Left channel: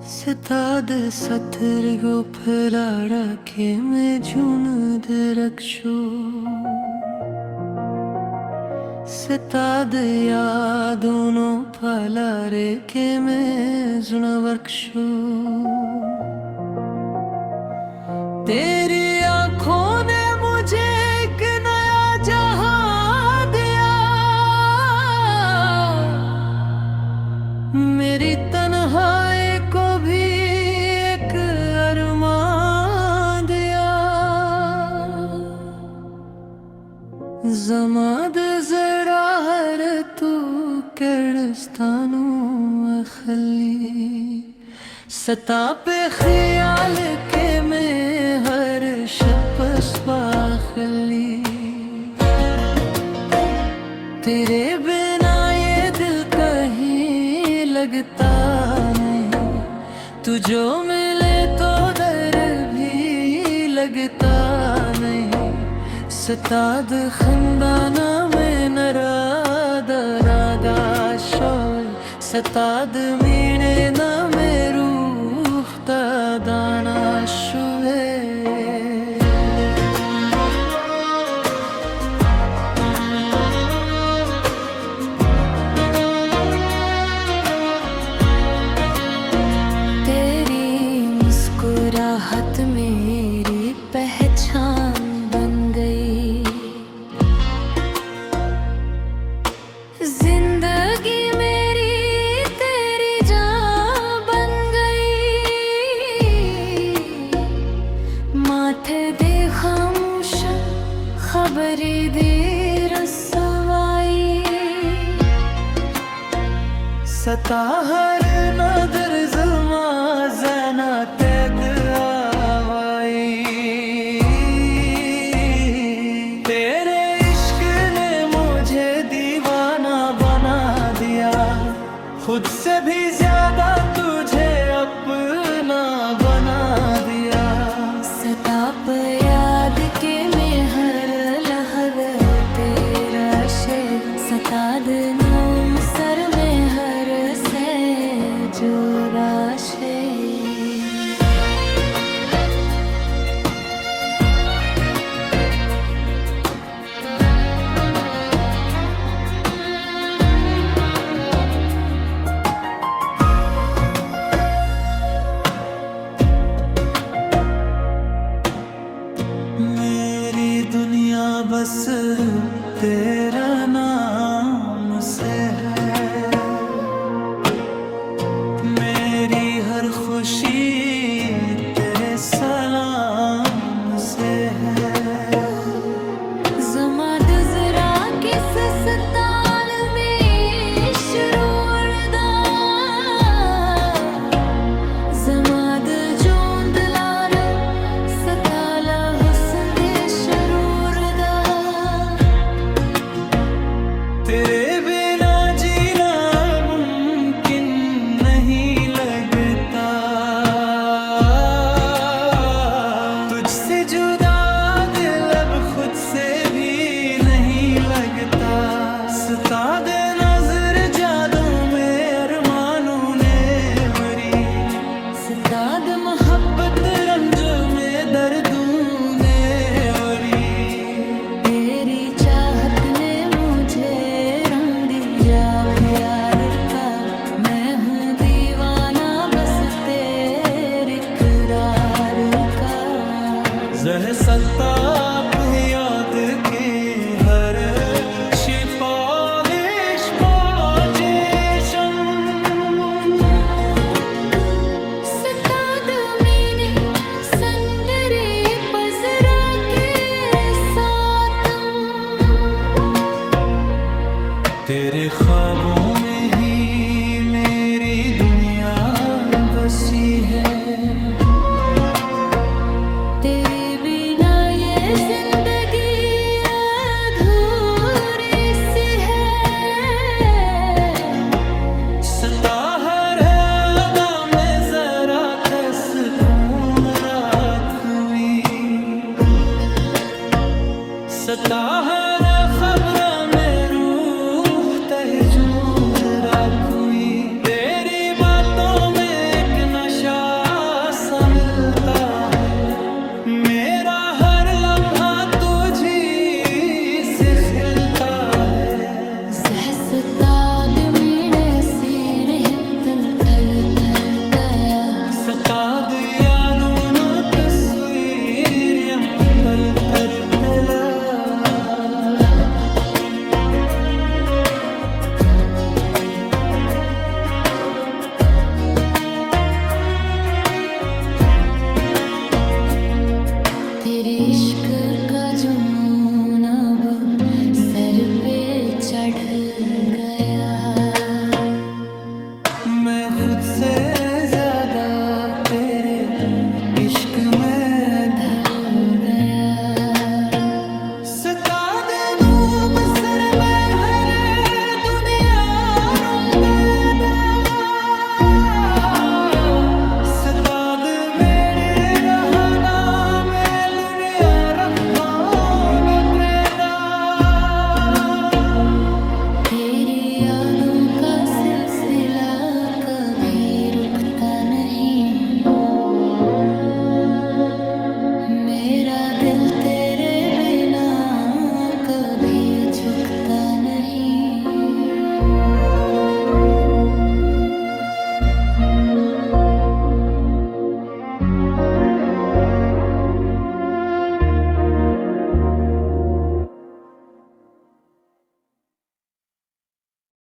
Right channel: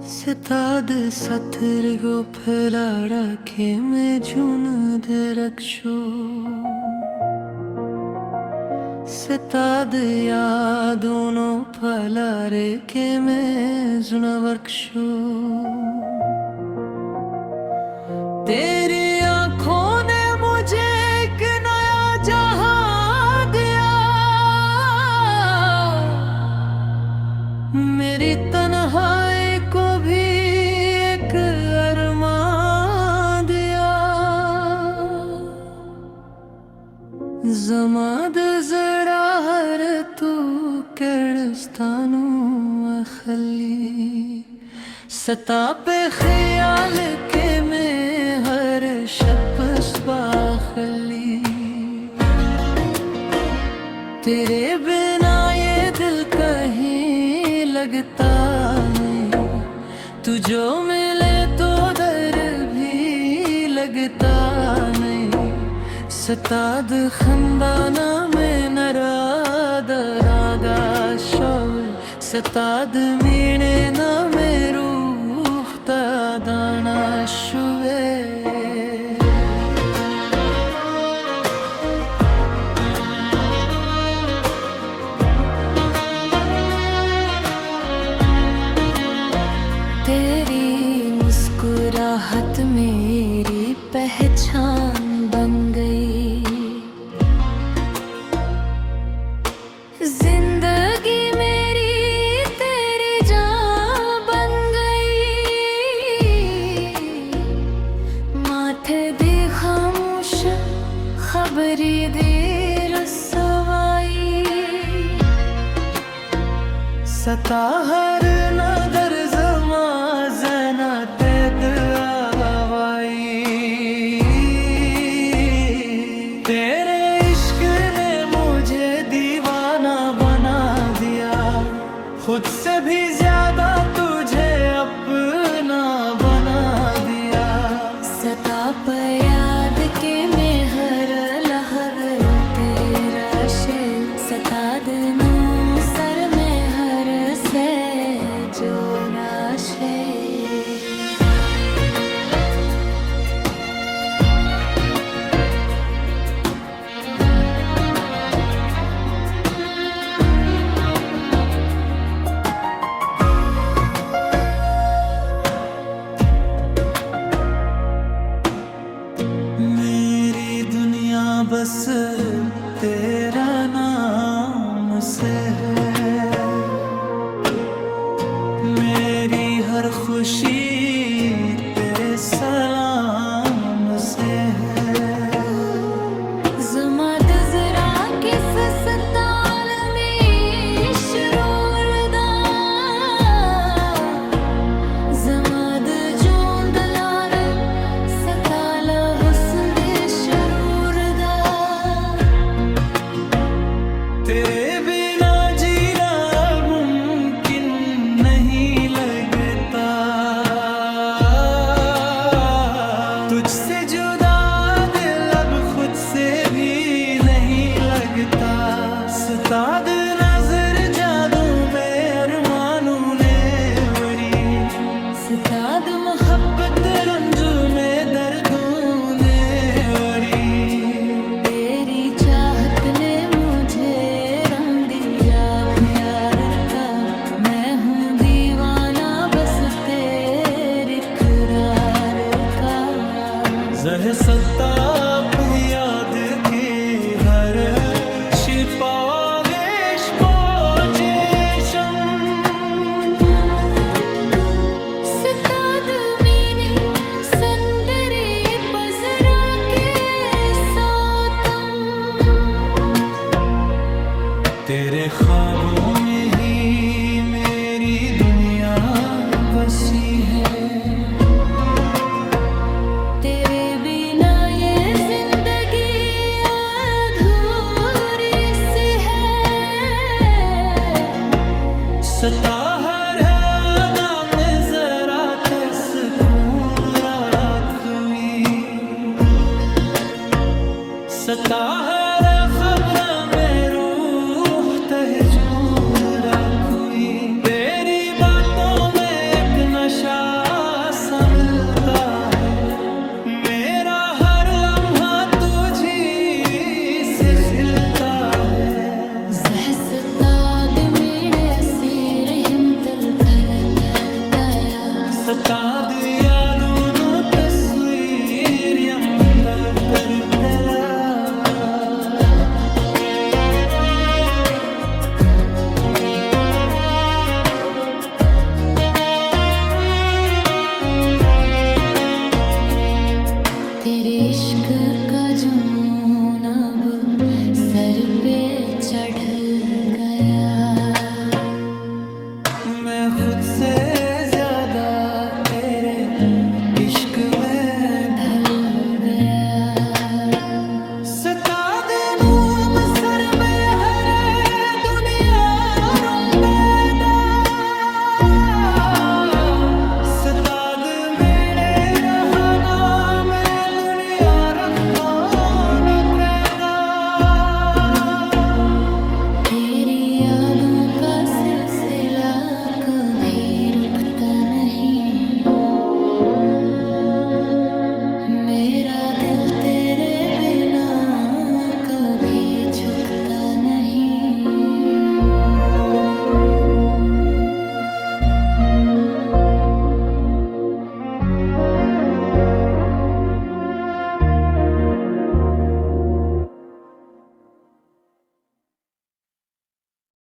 Stad satırgo pılara keme cundır akşu Stad ya dono palare keme zunavarkshu Teri आँखों ने मुझे एक नया जहां दिया मेरी तन्हाई को भी एक अरमान दिया ज़माद ज़रा हर तू किर्स्तानू अखली सता पे ख्याल के में हर शप्स बाखली तेरे बिना ये दिल कहीं लगता नहीं तू जो मिले तो दर भी लगता नहीं सताद खंदाना में नरादा शोल सताद मीने ना में रूह दाना शुवे मुस्कुराहट मेरी पहचान बन गई जिंदगी मेरी तेरी जान बन गई माथे दे खामोश खबरी दे रसवाई सता हर नदर ज़मा ज़ना तेद आवाई तेरे इश्क ने मुझे दीवाना बना दिया खुद से भी ज्यादा तुझे अपना बना दिया सताप याद के में हर लहज़ा तेरा शे सताद नूम सर में हर से जोड़ा शे मेरी दुनिया बस तेरा नाम से है मेरी हर खुशी तेरे सलाम से है ज़माद ज़रा किस सताल में शुरूरदा ज़माद जोंद लार सताला हुस्न दे शरूरदा तेरे बिना जीना मुमकिन नहीं लगता तुझसे जुदा दिल अब खुद से भी नहीं लगता सताद नजर जादू में अरमानों ने वरी सताद मोहब्बत रंज में दर्दों ने वरी तेरी चाहत ने मुझे रंग दिया प्यार का मैं हूँ दीवाना बस तेरे इकरार का जह सत्ता पे याद के हर शिपालिश पाजेशम सताद मीने संदरे पजरा के सातम तेरे ख्वाबों में ही मेरी दुनिया बसी है तेरे बिना ये जिंदगी अधूरी सी है सता हर अदा में जरा सुकून रात हुई सता हर खबर में रूह तहजूद रात हुई, तेरी बातों में एक नशा सा मिलता है, मेरा हर लम्हा तुझी से खिलता है। Zahsatad mine asirhim tal tal tal kaya, सताद यादों तस्वीर यम तल तर तला। तेरे इश्क का जुनून अब सर पे चढ़ गया, मैं खुद से ज्यादा तेरे इश्क में ढल गया। सताद नूम सर में हरे दुनिया रुंबेदा, सताद मेरे रहना में दुनिया रखमान त्रेदा। तेरी यादों का सिलसिला कभी रुकता नहीं, मेरा दिल तेरे बिना कभी झुकता नहीं।